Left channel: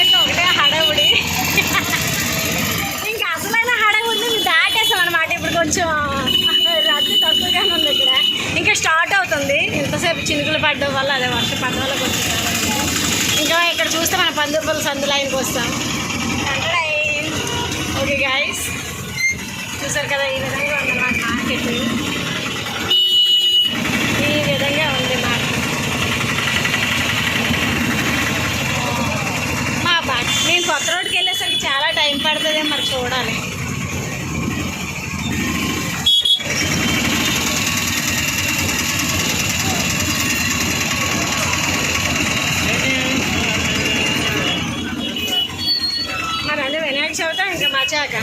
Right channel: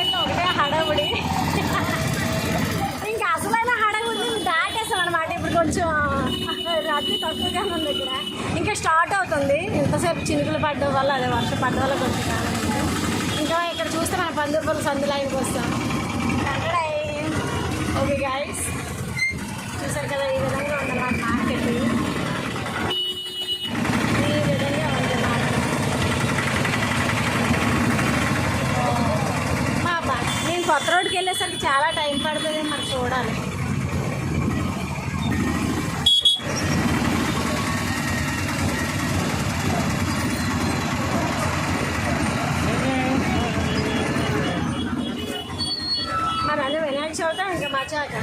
మార్కెట్లో ఒకటే హడావుడి. ఇంకా అసలైన హడావుడిని మేము దాటేసాం అనమాట. ఇప్పుడు కొంచెం రద్దీ తక్కువగానే ఉంది ఇక్కడ. ఇంకా స్టార్ట్ అవుతుంది. ఇంతసేపు చినుకులు పడ్డం వల్ల, అదే వర్షం పడ్డం వల్ల కొంచెం ఇంకా ఇక్కడ చూస్తే మన పందుపల్లి సందు లైన్కి వస్తాం. ఓకే గైస్, చూసారు కదా ఈ విధంగా ఉందన్నమాట మార్కెట్. ఈ విధంగా ఉంది మార్కెట్. మా బాట్ నేను కొత్త రోడ్కి వెళ్ళేసరికి చాలా టైం పడుతుంది, మరి చూడాలి. మరి అదే వినాయక చవితి ఇంకా మచాక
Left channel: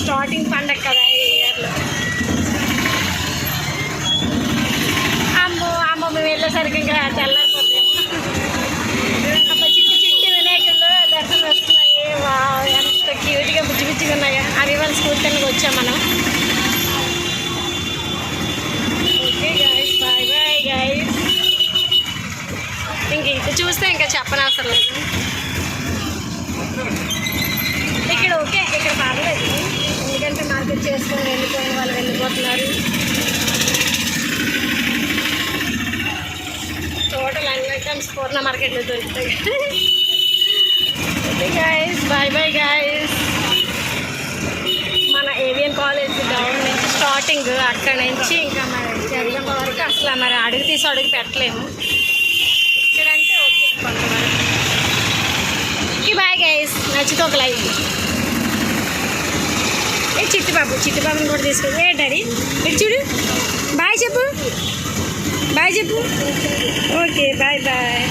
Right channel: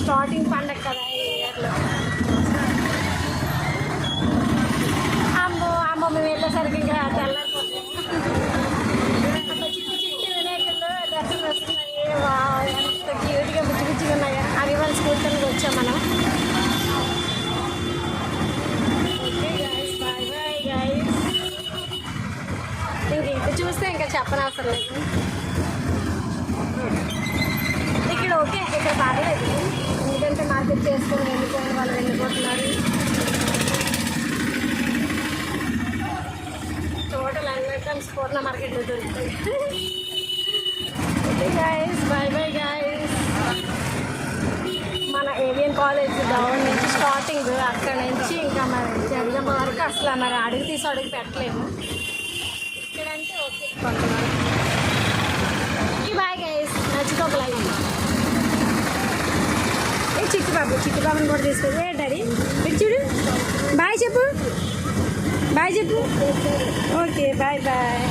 స్టార్టింగ్ పండగ కదా ఈ ఇయర్లో. అమ్మ మేము వెళ్ళేసరికి ఇంకా తెల్లారిపోతాము. అమ్మ చిట్టి చిట్టి వినాయకులు దర్శనం వస్తున్నాయి. ఎంత క్యూట్గా బుజ్జి బుజ్జిగా ఉన్నాయా. అవి వాళ్ళ స్కూల్ టైంకి వచ్చాం మనం. Okay guys, bye bye guys. ఇంక ఇది చూస్తే ఇంకా చెప్పనవసరం లేదు. ఇక్కడ ఓకే, ఇక్కడ పర్లేదు, ఎందుకంటే మార్కెట్ చేసుకొని వెళ్ళిపోయిన వాళ్ళు వెళ్ళిపోతున్నారు. టోటల్ అన్ని ఐటమ్స్ పూర్ణ మార్కెట్లో దొరుకుతాయి. Okay guys, bye bye guys. మన ఏవిఎన్ కాలేజ్ డౌన్ నుంచి స్టార్టింగ్, అక్కడ నుంచి ఇంకా మరి జగదంబ వరకు అసలు మరి అడుగు తీసి అడుగు పెట్టలేము. ఇక్కడంటే ఓకే కొంతవరకు. ఓకే బాయ్ గైస్, నచ్చితే ఒక లైక్. ఏ చిట్టిబాబుని కూడా తీసుకొని ఏ డాడీ ఇటు చూడు. బాయ్ చెప్పు, బాయ్ చెప్పు. Okay bye bye.